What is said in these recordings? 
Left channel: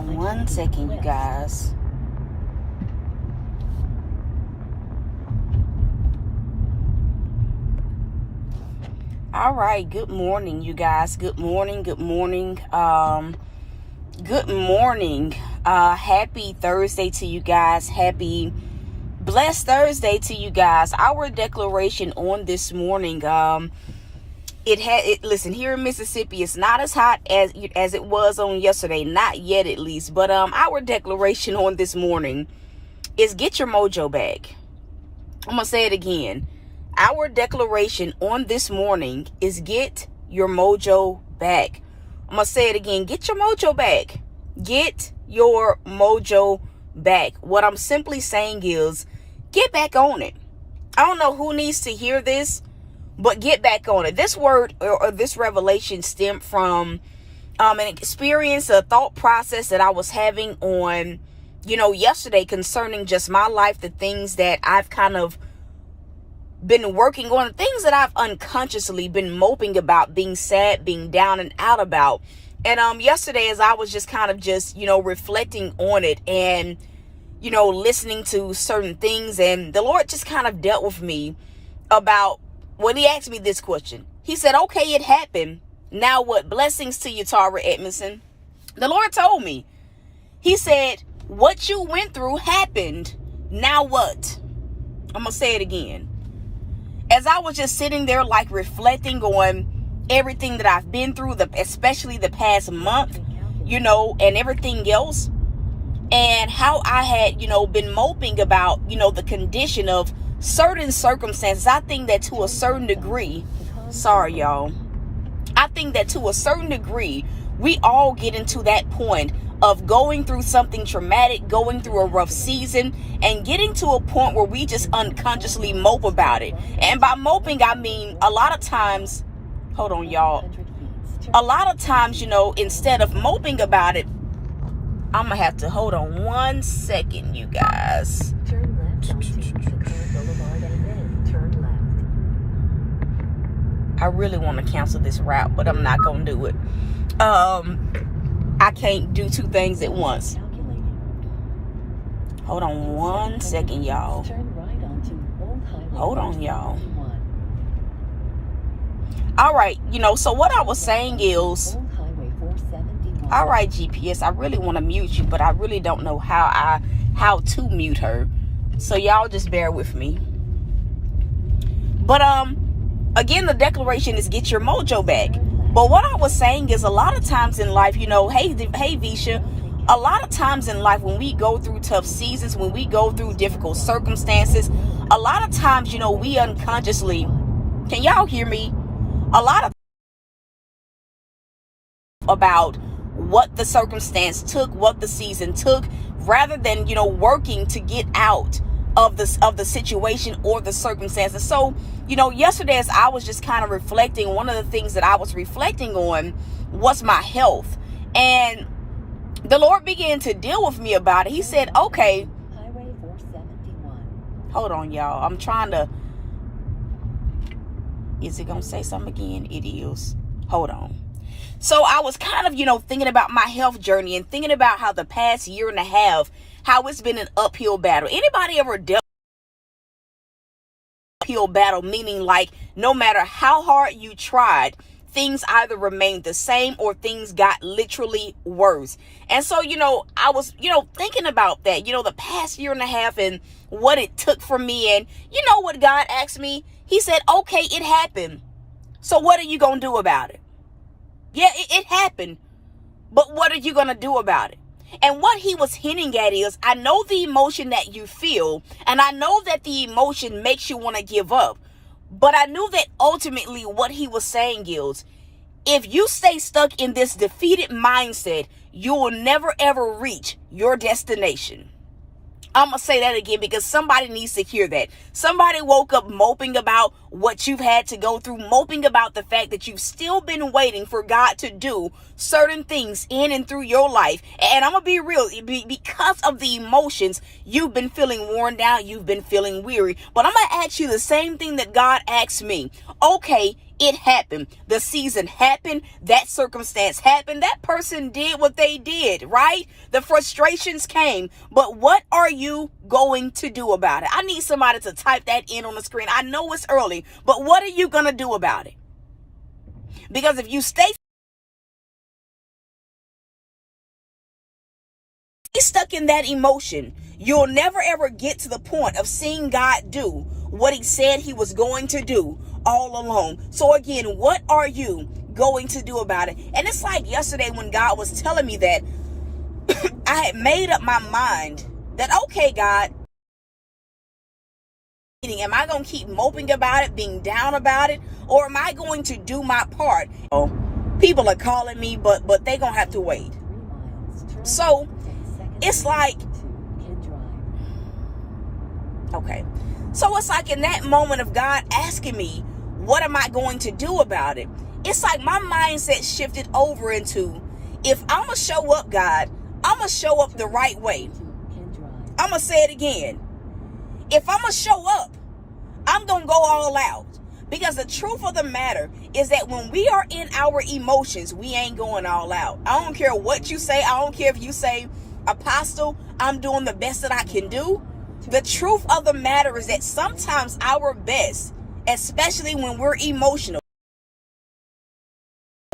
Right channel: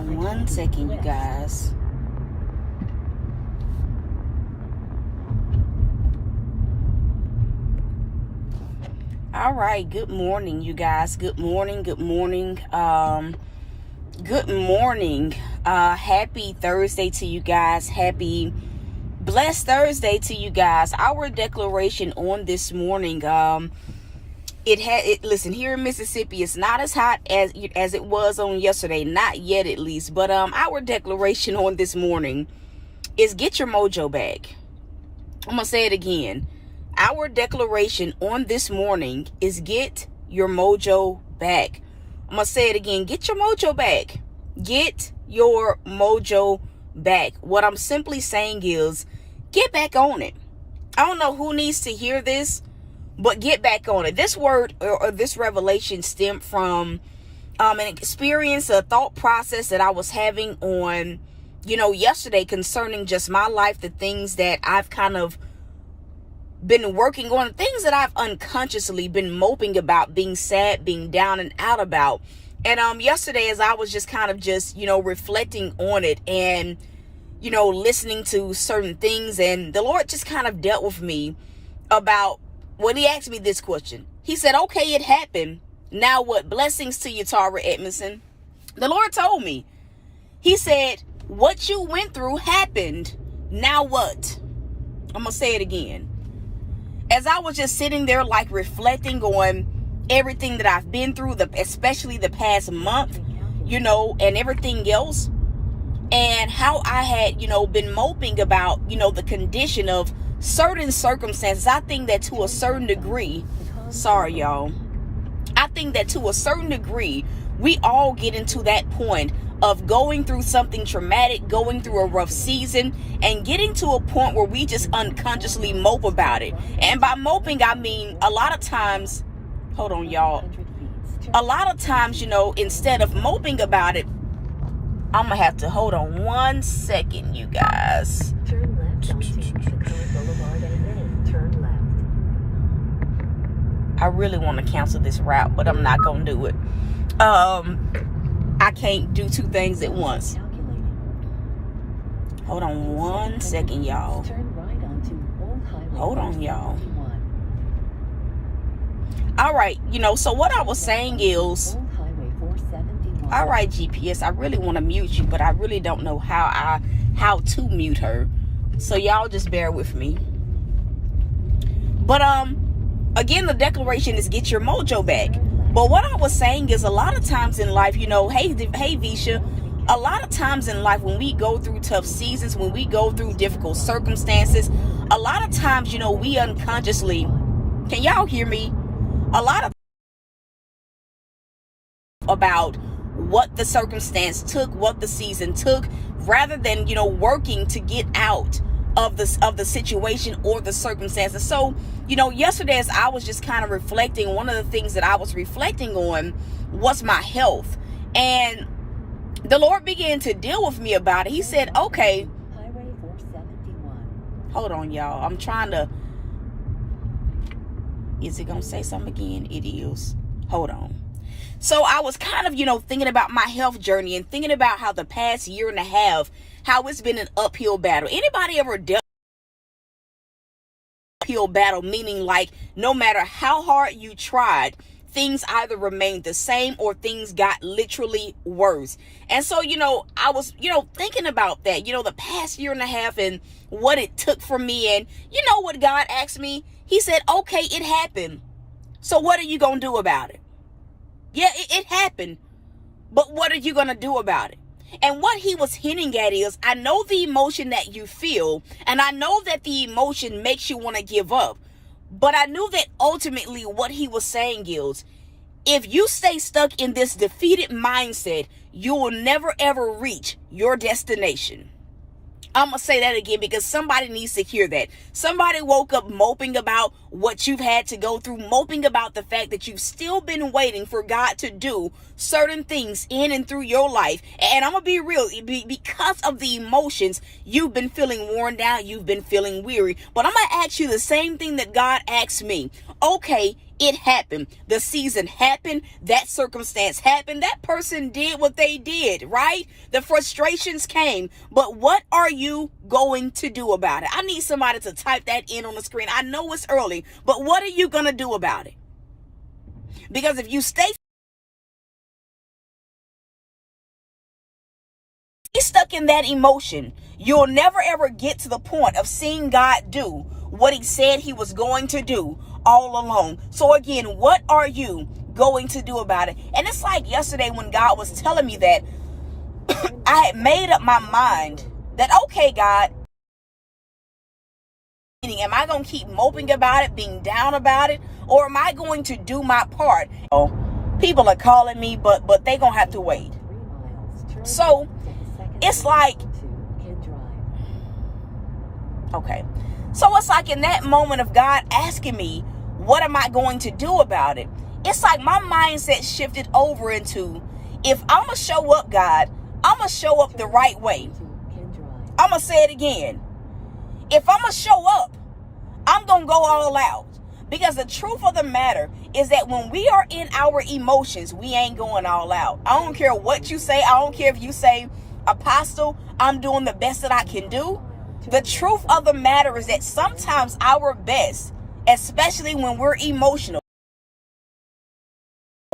on one second, you guys. All right, good morning, you guys. Good morning. Good morning. Happy Thursday to you guys. Happy blessed Thursday to you guys. Our declaration on this morning, listen, here in Mississippi, it's not as hot as it was on yesterday, not yet at least, but our declaration on this morning is get your mojo back. I'm gonna say it again. Our declaration on this morning is get your mojo back. I'm gonna say it again. Get your mojo back. Get your mojo back. What I'm simply saying is get back on it. I don't know who needs to hear this, but get back on it. This word or this revelation stemmed from an experience, a thought process that I was having on, yesterday concerning just my life, the things that I've kind of been working on, things that I've unconsciously been moping about, being sad, being down and out about. And yesterday, as I was just kind of reflecting on it and listening to certain things, and the Lord just kind of dealt with me about when he asked me this question. He said, okay, it happened. Now what? Blessings to you, Tara Edmondson. The Lord told me, he said, what you went through happened. Now what? I'm going to say it again. As I was just sitting there reflecting on everything that I've been through, especially the past month, and everything else, and how I had, been moping about, the condition of certain circumstances. I think that to a certain degree, sorry, y'all. I think that to a certain degree, we all get into that point of going through something traumatic, going through a rough season, and getting to a point where we just unconsciously mope about it. And by moping, I mean a lot of times, hold on, y'all. A lot of times, instead of moping about it, I'm going to have to hold on one second, you guys. Turn left onto McCoy Boulevard and then turn left. I really want to cancel this route, but I'm not going to do it. I can't do two things at once. Hold on one second, y'all. Hold on, y'all. All right, so what I was saying is, all right, GPS, I really want to mute you, but I really don't know how to mute her. So y'all just bear with me. But again, the declaration is get your mojo back. But what I was saying is a lot of times in life, hey Visha, a lot of times in life when we go through tough seasons, when we go through difficult circumstances, a lot of times, we unconsciously, can y'all hear me? A lot of about what the circumstance took, what the season took, rather than, working to get out of the situation or the circumstances. So, yesterday as I was just kind of reflecting, one of the things that I was reflecting on was my health. And the Lord began to deal with me about it. He said, okay, Highway 471. Hold on, y'all. I'm trying to, is it going to say something again? It is. Hold on. So I was kind of, thinking about my health journey and thinking about how the past year and a half, how it's been an uphill battle. Anybody ever dealt with an uphill battle, meaning no matter how hard you tried, things either remained the same or things got literally worse. And so, I was, thinking about that, the past year and a half and what it took for me. And you know what God asked me? He said, okay, it happened. So what are you going to do about it? Yeah, it happened. But what are you going to do about it? And what he was hinting at is, I know the emotion that you feel, and I know that the emotion makes you want to give up. But I knew that ultimately what he was saying is, if you stay stuck in this defeated mindset, you will never ever reach your destination. I'm going to say that again because somebody needs to hear that. Somebody woke up moping about what you've had to go through, moping about the fact that you've still been waiting for God to do certain things in and through your life. And I'm going to be real, because of the emotions, you've been feeling worn down, you've been feeling weary. But I'm going to ask you the same thing that God asked me. Okay, It happened. The season happened. That circumstance happened. That person did what they did, right? The frustrations came. But what are you going to do about it? I need somebody to type that in on the screen. I know it's early, but what are you going to do about it? Because if you stay stuck in that emotion, you'll never ever get to the point of seeing God do what he said he was going to do all along. So again, what are you going to do about it? And it's like yesterday when God was telling me that, I had made up my mind that, okay, God, am I going to keep moping about it, being down about it, or am I going to do my part? Oh, people are calling me, but they going to have to wait. So it's like, okay. So it's like in that moment of God asking me, what am I going to do about it? It's like my mindset shifted over into, if I'm going to show up, God, I'm going to show up the right way. I'm going to say it again. If I'm going to show up, I'm going to go all out. Because the truth of the matter is that when we are in our emotions, we ain't going all out. I don't care what you say. I don't care if you say, Apostle, I'm doing the best that I can do. The truth of the matter is that sometimes our best, especially when we're emotional,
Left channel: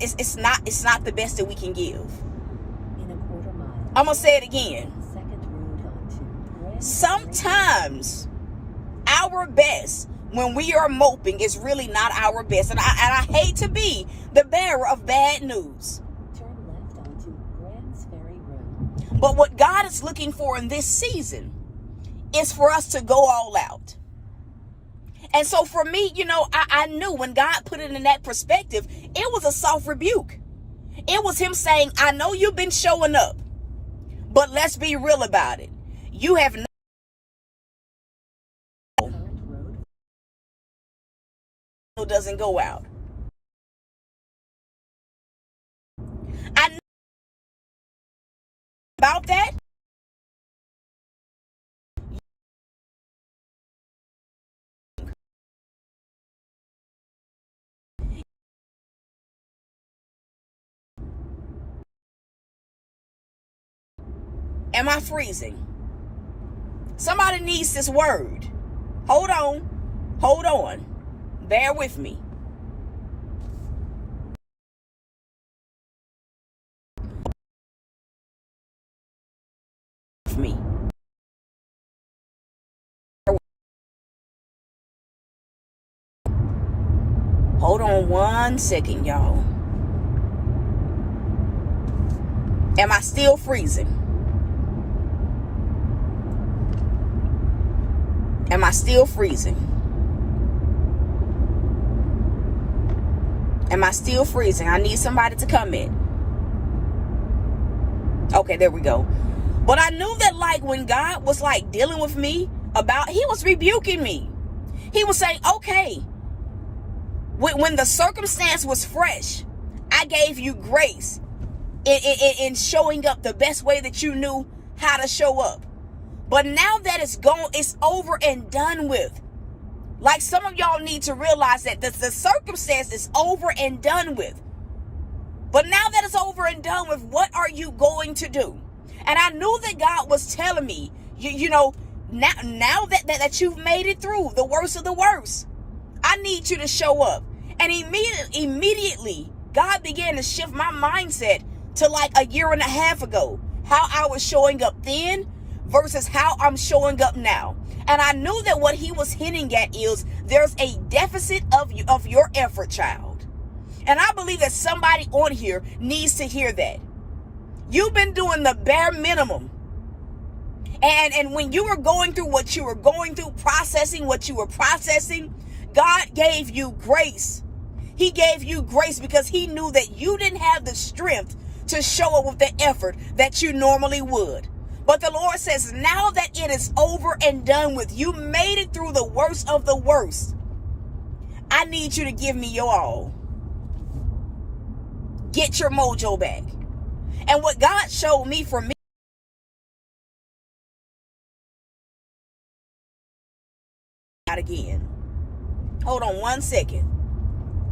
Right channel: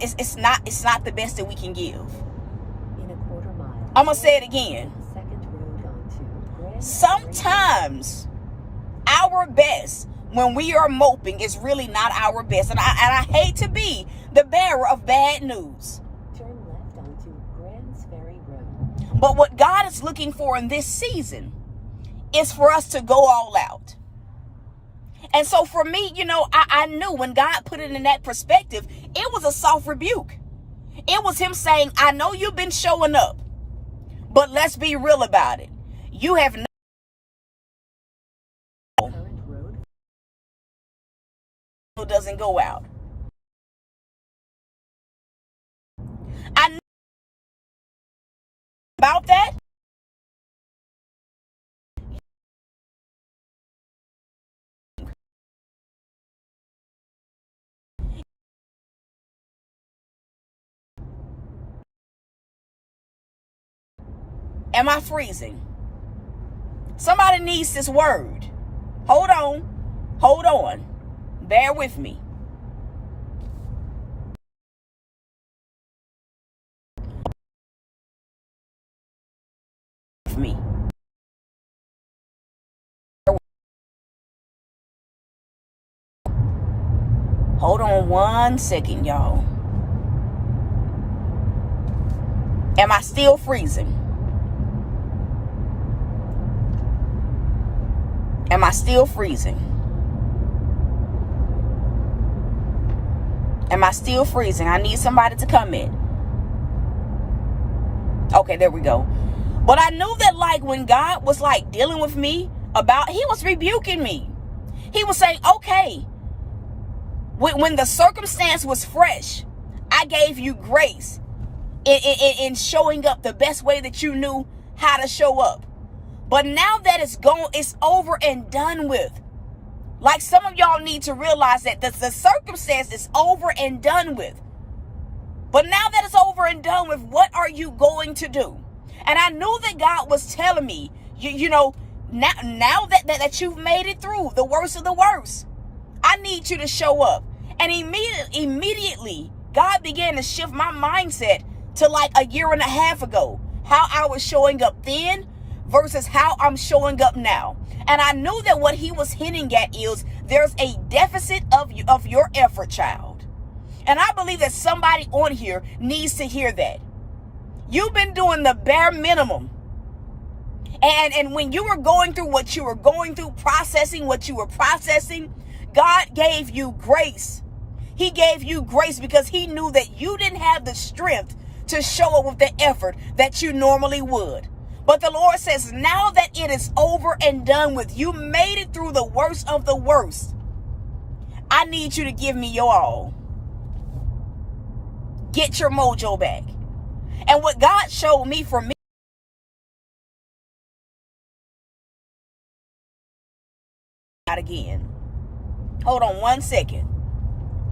it's not the best that we can give. I'm going to say it again. Sometimes our best when we are moping is really not our best. And I hate to be the bearer of bad news. Turn left onto Grants Ferry Road. But what God is looking for in this season is for us to go all out. And so for me, I knew when God put it in that perspective, it was a soft rebuke. It was him saying, I know you've been showing up, but let's be real about it. You have no doesn't go out. I know about that. Am I freezing? Somebody needs this word. Hold on. Bear with me. Hold on 1 second, y'all. Am I still freezing? Am I still freezing? Am I still freezing? I need somebody to come in. Okay, there we go. But I knew that like when God was like dealing with me about, he was rebuking me. He was saying, okay, when the circumstance was fresh, I gave you grace in showing up the best way that you knew how to show up. But now that it's gone, it's over and done with. Like some of y'all need to realize that the circumstance is over and done with. But now that it's over and done with, what are you going to do? And I knew that God was telling me, now that you've made it through the worst of the worst, I need you to show up. And immediately, God began to shift my mindset to like a year and a half ago, how I was showing up then versus how I'm showing up now. And I knew that what he was hinting at is there's a deficit of your effort, child. And I believe that somebody on here needs to hear that. You've been doing the bare minimum. And when you were going through what you were going through, processing what you were processing, God gave you grace. He gave you grace because he knew that you didn't have the strength to show up with the effort that you normally would. But the Lord says, now that it is over and done with, you made it through the worst of the worst. I need you to give me your all. Get your mojo back. And what God showed me for me, not again. Hold on 1 second.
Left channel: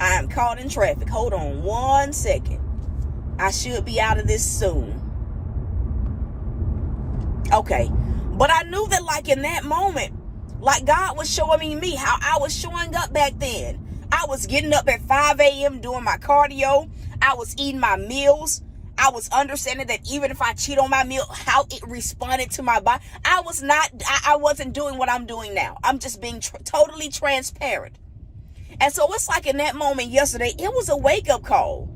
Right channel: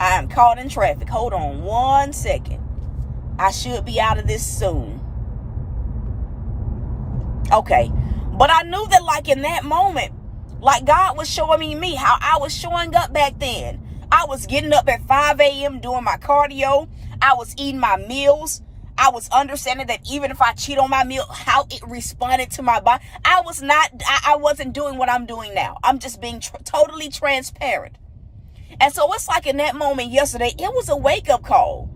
I am caught in traffic. Hold on 1 second. I should be out of this soon. Okay. But I knew that like in that moment, like God was showing me how I was showing up back then. I was getting up at 5 a.m. doing my cardio. I was eating my meals. I was understanding that even if I cheat on my meal, how it responded to my body. I wasn't doing what I'm doing now. I'm just being totally transparent. And so it's like in that moment yesterday, it was a wake-up call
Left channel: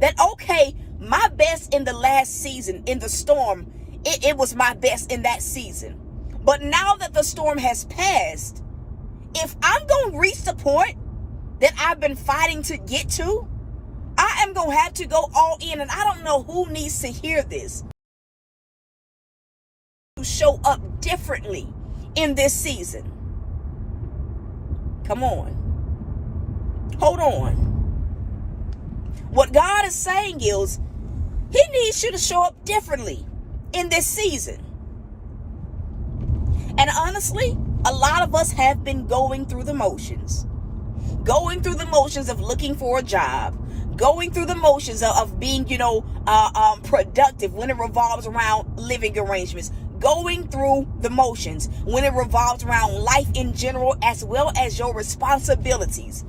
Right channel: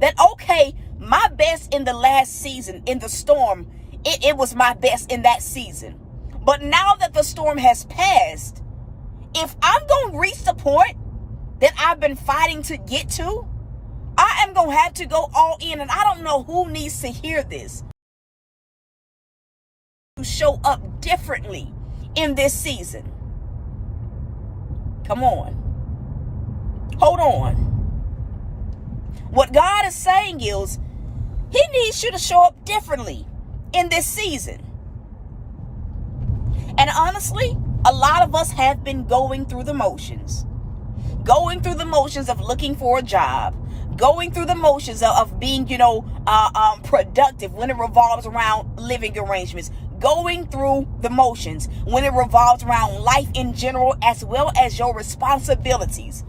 that, okay, my best in the last season, in the storm, it was my best in that season. But now that the storm has passed, if I'm going to reach the point that I've been fighting to get to, I am going to have to go all in. And I don't know who needs to hear this. To show up differently in this season. Come on. Hold on. What God is saying is, He needs you to show up differently in this season. And honestly, a lot of us have been going through the motions. Going through the motions of looking for a job. Going through the motions of being, productive when it revolves around living arrangements. Going through the motions when it revolves around life in general, as well as your responsibilities.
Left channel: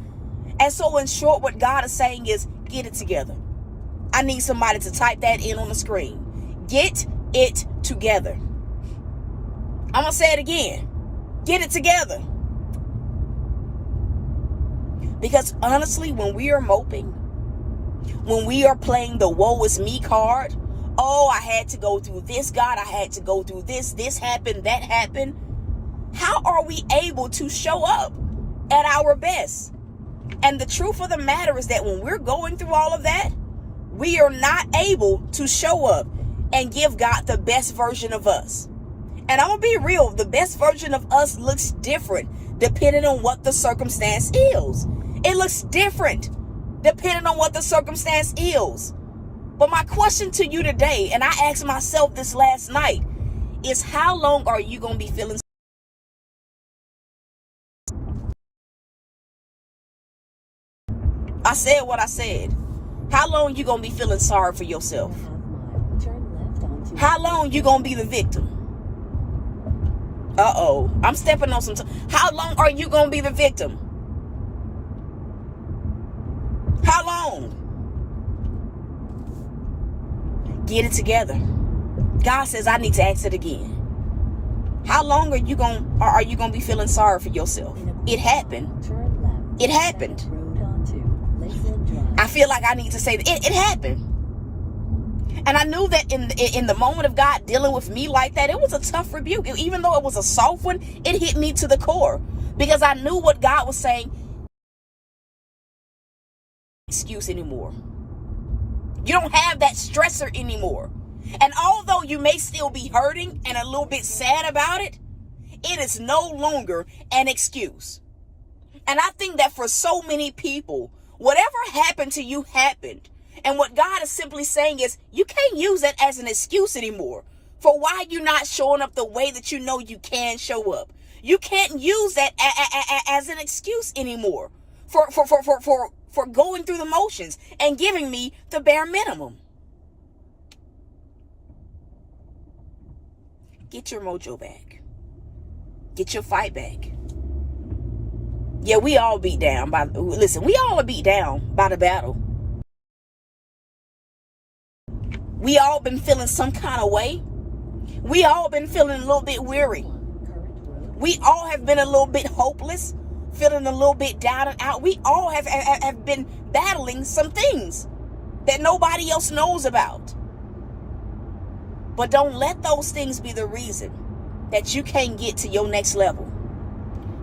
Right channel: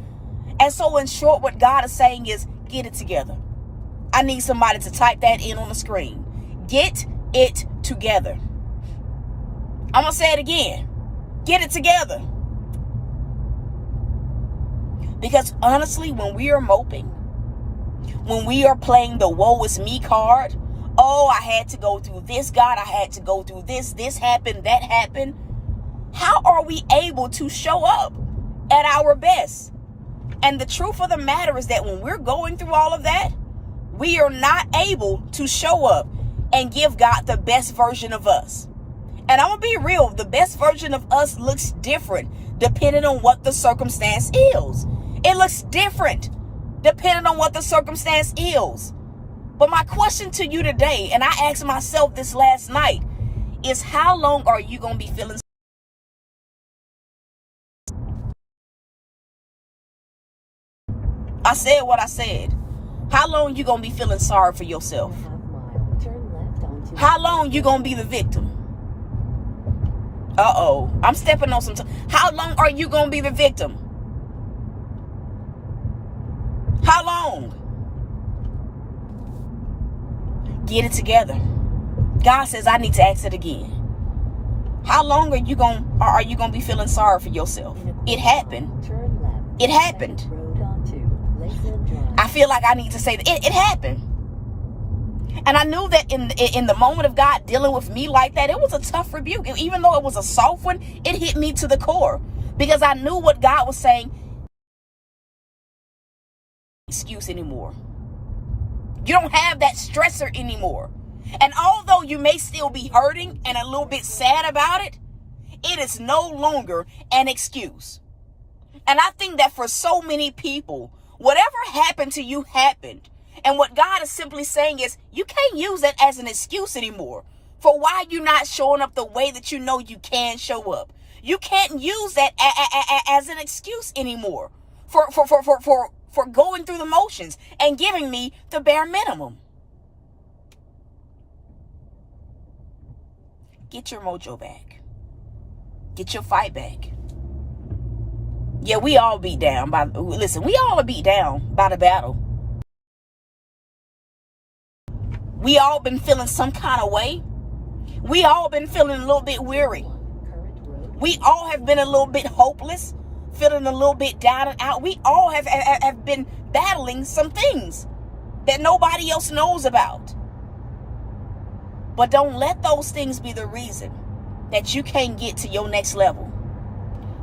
And so in short, what God is saying is, get it together. I need somebody to type that in on the screen. Get it together. I'm going to say it again. Get it together. Because honestly, when we are moping, when we are playing the woe is me card, oh, I had to go through this, God, I had to go through this happened, that happened. How are we able to show up at our best? And the truth of the matter is that when we're going through all of that, we are not able to show up and give God the best version of us. And I'm going to be real, the best version of us looks different depending on what the circumstance is. It looks different depending on what the circumstance is. But my question to you today, and I asked myself this last night, is how long are you going to be feeling? I said what I said. How long you going to be feeling sorry for yourself? How long you going to be the victim? Uh-oh. I'm stepping on some time. How long are you going to be the victim? How long? Get it together. God says, I need to ask it again. How long are you going to be feeling sorry for yourself? It happened. It happened. I feel like I need to say that it happened. And I knew that in the moment of God dealing with me like that, it was a tough rebuke. Even though it was a soft one, it hit me to the core. Because I knew what God was saying. Excuse anymore. You don't have that stressor anymore. And although you may still be hurting and a little bit sad about it, it is no longer an excuse. And I think that for so many people, whatever happened to you happened. And what God is simply saying is, you can't use that as an excuse anymore for why you're not showing up the way that you know you can show up. You can't use that as an excuse anymore for going through the motions and giving me the bare minimum. Get your mojo back. Get your fight back. Yeah, we all beat down we all are beat down by the battle. We all been feeling some kind of way. We all been feeling a little bit weary. We all have been a little bit hopeless, feeling a little bit down and out. We all have been battling some things that nobody else knows about. But don't let those things be the reason that you can't get to your next level.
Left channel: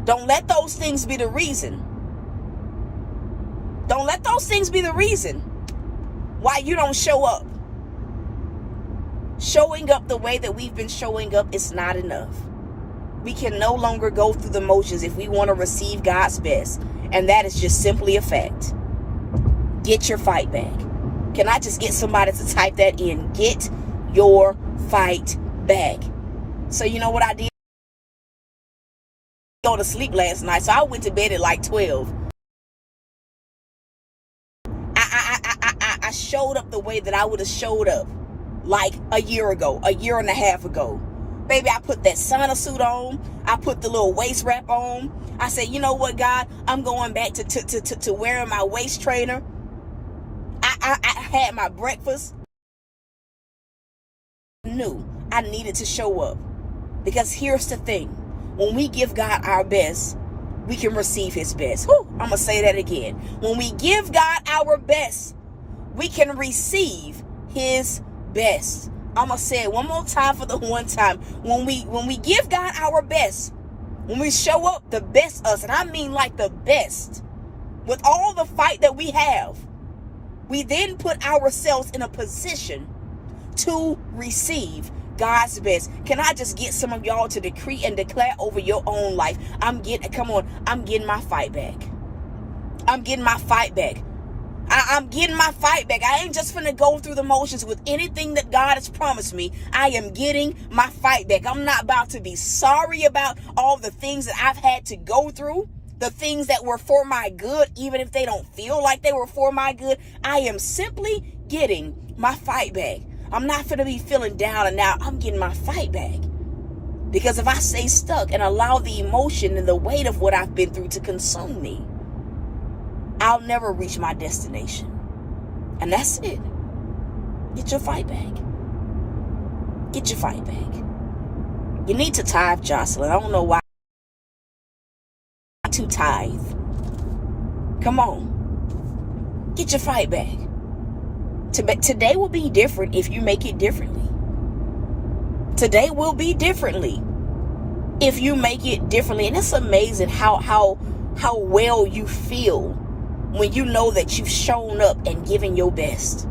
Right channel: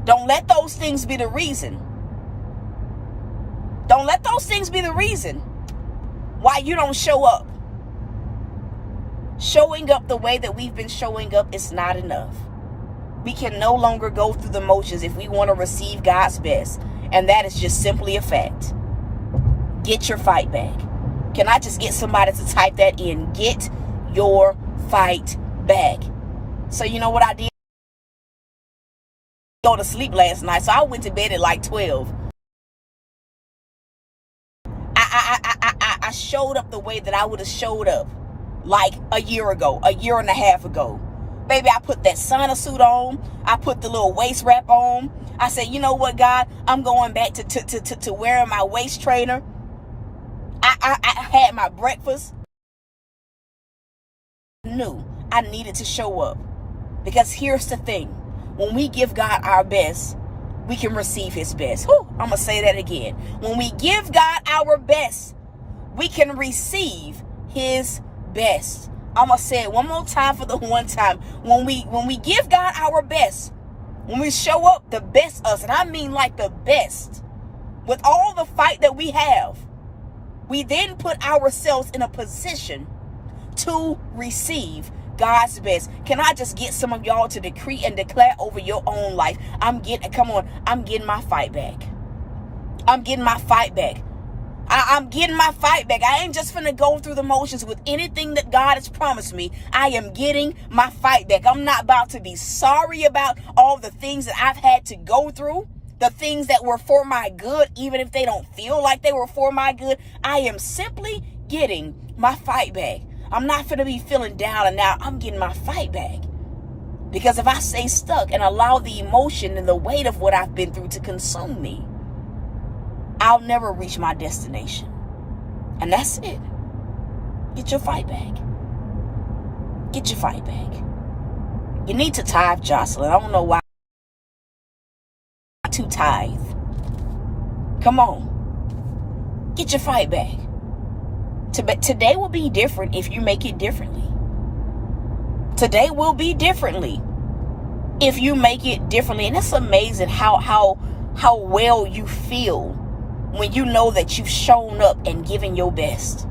Don't let those things be the reason. Don't let those things be the reason why you don't show up. Showing up the way that we've been showing up is not enough. We can no longer go through the motions if we want to receive God's best. And that is just simply a fact. Get your fight back. Can I just get somebody to type that in? Get your fight back. So you know what I did? Go to sleep last night. So I went to bed at like 12. showed up the way that I would have showed up like a year ago, a year and a half ago. Baby, I put that sauna suit on. I put the little waist wrap on. I said, you know what, God? I'm going back to wearing my waist trainer. I had my breakfast. I knew I needed to show up. Because here's the thing. When we give God our best, we can receive his best. Whew, I'm going to say that again. When we give God our best, we can receive his best. I'm going to say it one more time for the one time. When we give God our best, when we show up the best us, and I mean like the best, with all the fight that we have, we then put ourselves in a position to receive God's best. Can I just get some of y'all to decree and declare over your own life? I'm getting my fight back. I'm getting my fight back. I'm getting my fight back. I ain't just finna go through the motions with anything that God has promised me. I am getting my fight back. I'm not about to be sorry about all the things that I've had to go through. The things that were for my good, even if they don't feel like they were for my good. I am simply getting my fight back. I'm not going to be feeling down and out. I'm getting my fight back. Because if I stay stuck and allow the emotion and the weight of what I've been through to consume me, I'll never reach my destination. And that's it. Get your fight back. Get your fight back. You need to tithe, Jocelyn. I don't know why. To tithe. Come on. Get your fight back. Today will be different if you make it differently. Today will be differently if you make it differently. And it's amazing how well you feel when you know that you've shown up and given your best.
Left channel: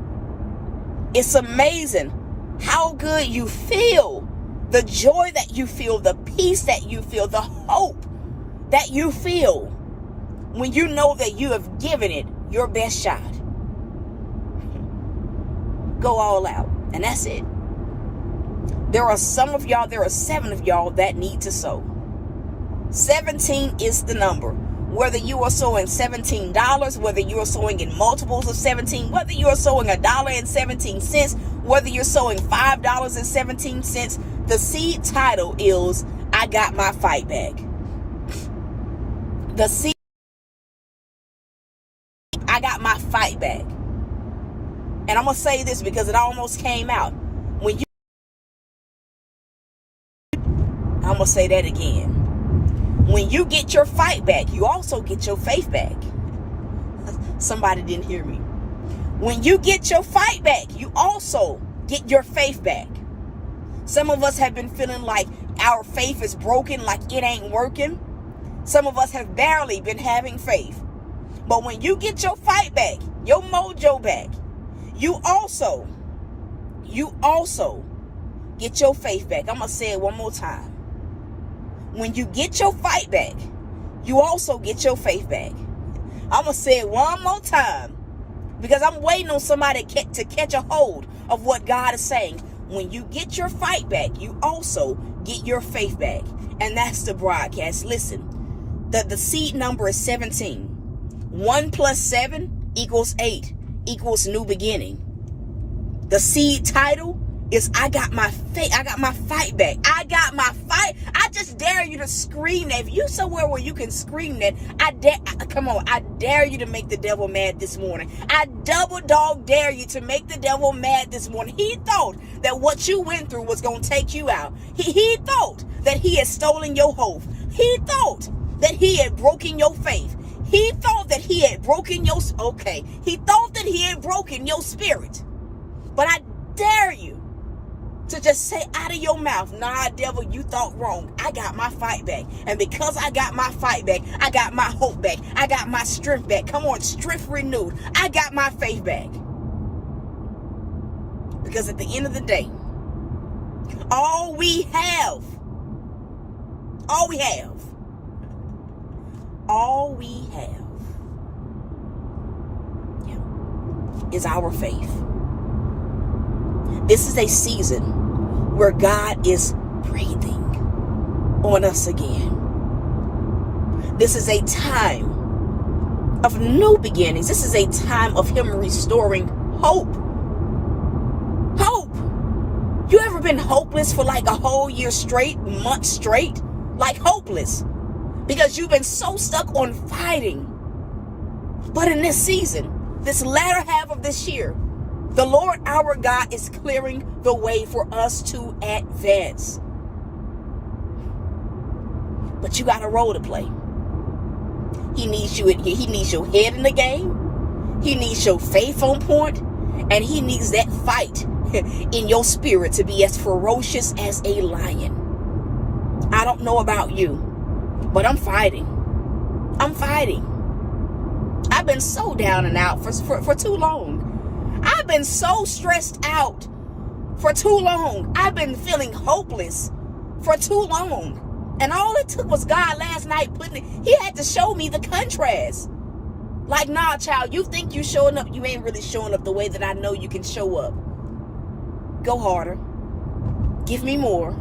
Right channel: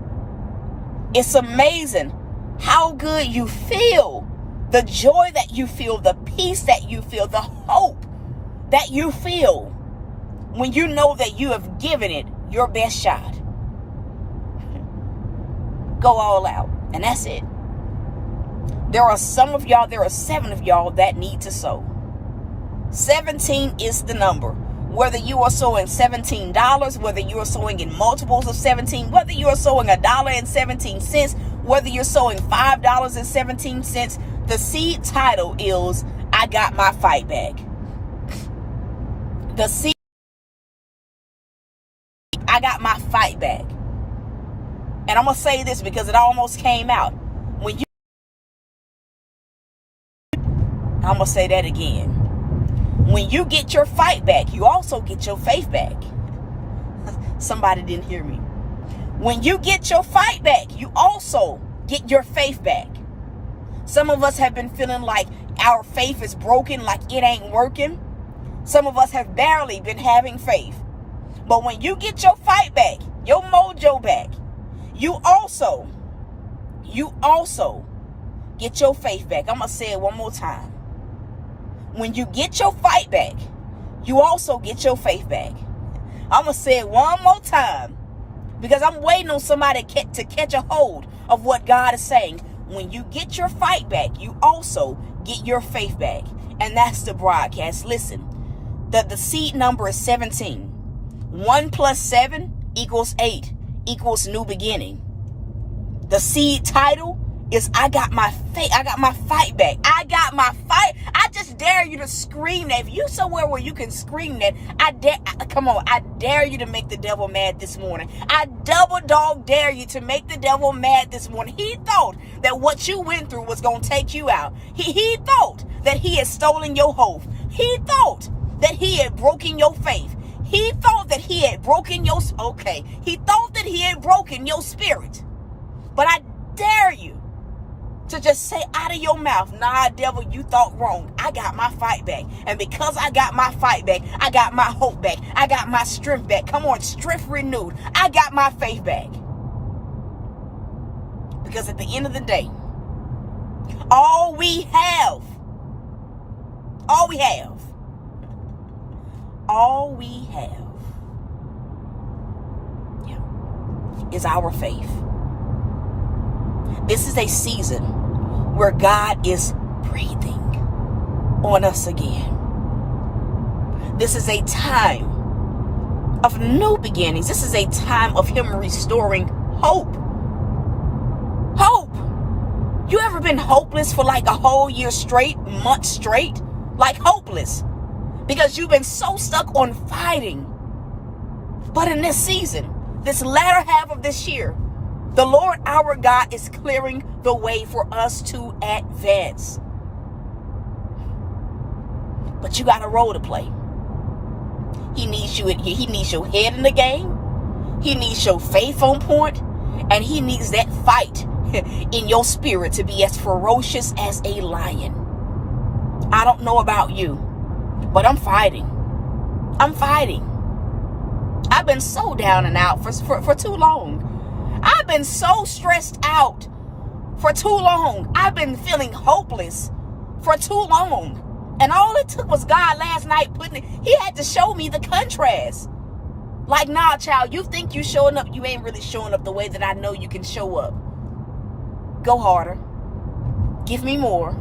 It's amazing how good you feel. The joy that you feel, the peace that you feel, the hope that you feel when you know that you have given it your best shot. Go all out. And that's it. There are 7 of y'all that need to sow. 17 is the number. Whether you are sowing $17, whether you are sowing in multiples of 17, whether you are sowing $1.17, whether you're sowing $5.17, the seed title is I got my fight back. The seed, I got my fight back. And I'm going to say this because it almost came out. I'm going to say that again. When you get your fight back, you also get your faith back. Somebody didn't hear me. When you get your fight back, you also get your faith back. Some of us have been feeling like our faith is broken, like it ain't working. Some of us have barely been having faith. But when you get your fight back, your mojo back, you also get your faith back. I'm going to say it one more time. When you get your fight back, you also get your faith back. I'm going to say it one more time because I'm waiting on somebody to catch a hold of what God is saying. When you get your fight back, you also get your faith back. And that's the broadcast. Listen, the seed number is 17. 1 plus 7 equals 8 equals new beginning. The seed title is I got my faith. I got my fight back. I got my fight. I just dare you to scream that. If you somewhere where you can scream that, come on. I dare you to make the devil mad this morning. I double dog dare you to make the devil mad this morning. He thought that what you went through was going to take you out. He thought that he had stolen your hope. He thought that he had broken your faith. He thought that he had broken your, he thought that he had broken your spirit. But I dare you to just say out of your mouth, nah, devil, you thought wrong. I got my fight back. And because I got my fight back, I got my hope back. I got my strength back. Come on, strength renewed. I got my faith back. Because at the end of the day, all we have is our faith. This is a season where God is breathing on us again. This is a time of new beginnings. This is a time of Him restoring hope. Hope. You ever been hopeless for like a whole year straight, month straight? Like hopeless. Because you've been so stuck on fighting. But in this season, this latter half of this year, the Lord our God is clearing the way for us to advance. But you got a role to play. He needs you. He needs your head in the game. He needs your faith on point, and he needs that fight in your spirit to be as ferocious as a lion. I don't know about you, but I'm fighting. I'm fighting. I've been so down and out for too long. I've been so stressed out for too long. I've been feeling hopeless for too long. And all it took was God last night he had to show me the contrast. Like, nah, child, you think you showing up. You ain't really showing up the way that I know you can show up. Go harder. Give me more.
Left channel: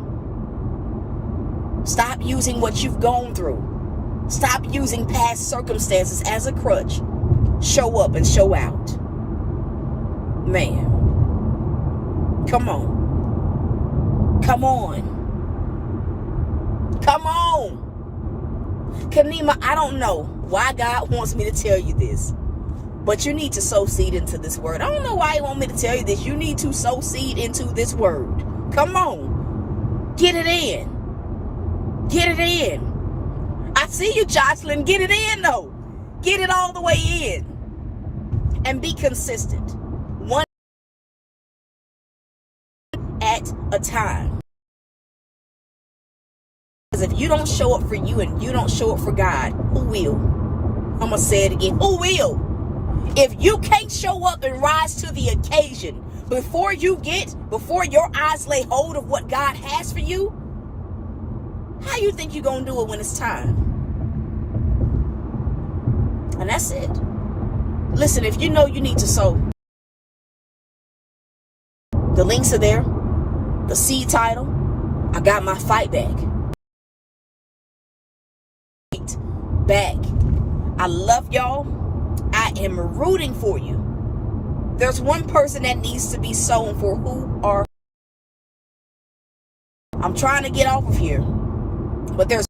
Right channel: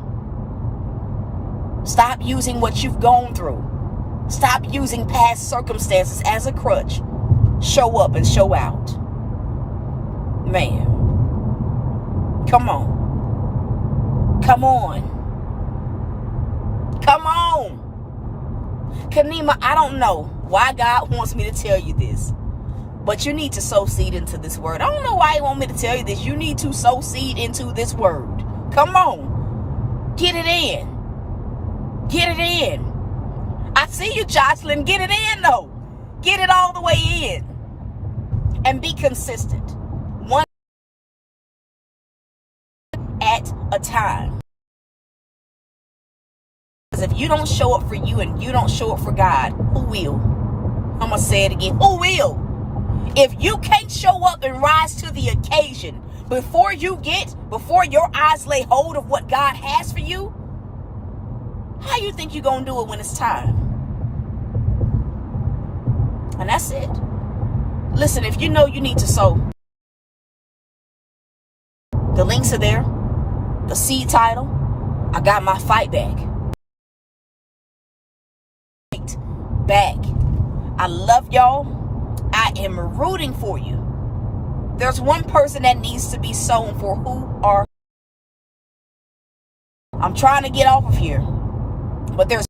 Stop using what you've gone through. Stop using past circumstances as a crutch. Show up and show out. Man. Come on. Come on. Come on. Kanima, I don't know why God wants me to tell you this, but you need to sow seed into this word. I don't know why he wants me to tell you this. You need to sow seed into this word. Come on. Get it in. Get it in. I see you, Jocelyn. Get it in, though. Get it all the way in. And be consistent. One at a time. Because if you don't show up for you and you don't show up for God, who will? I'm going to say it again. Who will? If you can't show up and rise to the occasion before your eyes lay hold of what God has for you, how you think you're going to do it when it's time? And that's it. Listen, if you know you need to sow, the links are there. The seed title. I got my fight back. Back. I love y'all. I am rooting for you. There's one person that needs to be sown for. Who are? I'm trying to get off of here, but there's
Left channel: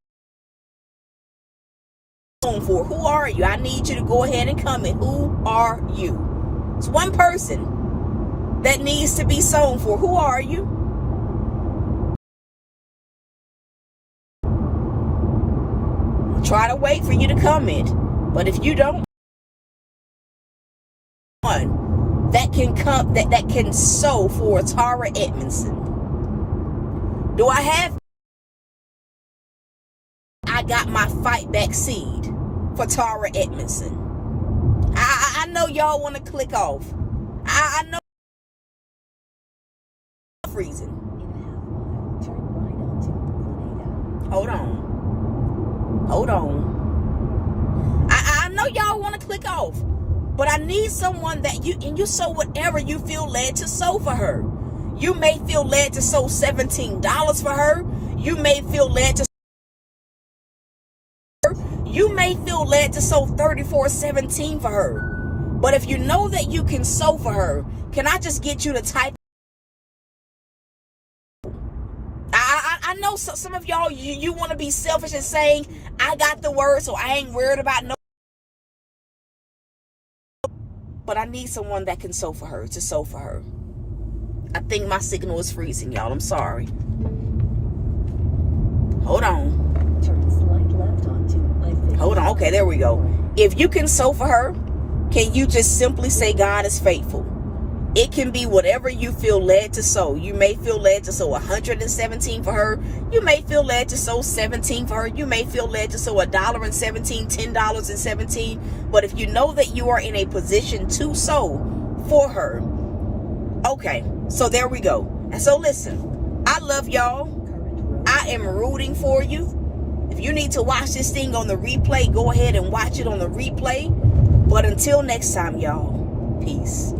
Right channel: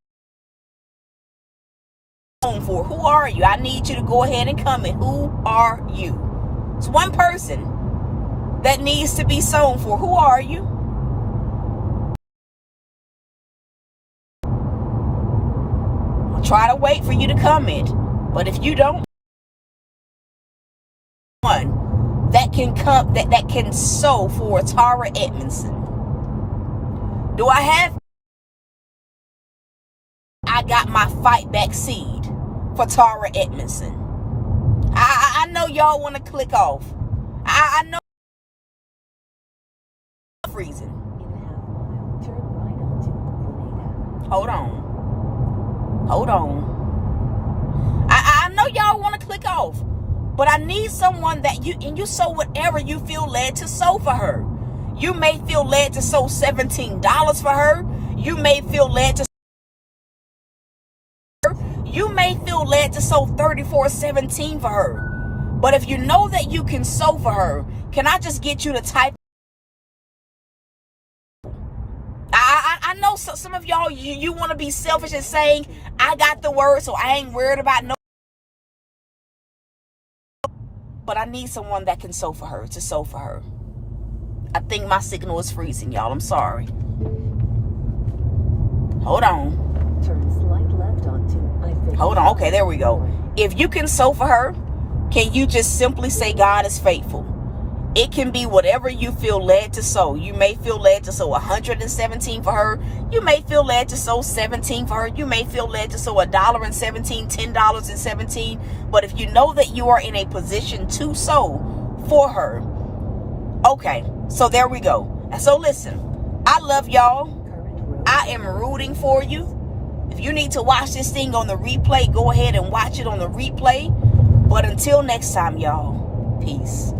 for. Who are you? I need you to go ahead and comment. Who are you? It's one person that needs to be sown for. Who are you? I'll try to wait for you to comment, but if you don't, one that can come that can sow for Tara Edmondson. Do I have? I got my fight back seed for Tara Edmondson. I know y'all want to click off. I know freezing. Hold on. I know y'all want to click off, but I need someone that you sow whatever you feel led to sow for her. You may feel led to sow $17 for her. You may feel led to sow $34.17 for her. But if you know that you can sow for her, can I just get you to type? I know some of y'all, you want to be selfish and saying, I got the word, so I ain't worried about no. But I need someone that can sow for her, to sow for her. I think my signal is freezing, y'all. I'm sorry. Hold on. Turn slight left onto I-50. Hold on. Okay, there we go. If you can sow for her, can you just simply say God is faithful? It can be whatever you feel led to sow. You may feel led to sow $117 for her. You may feel led to sow $17 for her. You may feel led to sow $1.17, $10.17. But if you know that you are in a position to sow for her, okay, so there we go. And so listen, I love y'all. I am rooting for you. If you need to watch this thing on the replay, go ahead and watch it on the replay. But until next time, y'all, peace.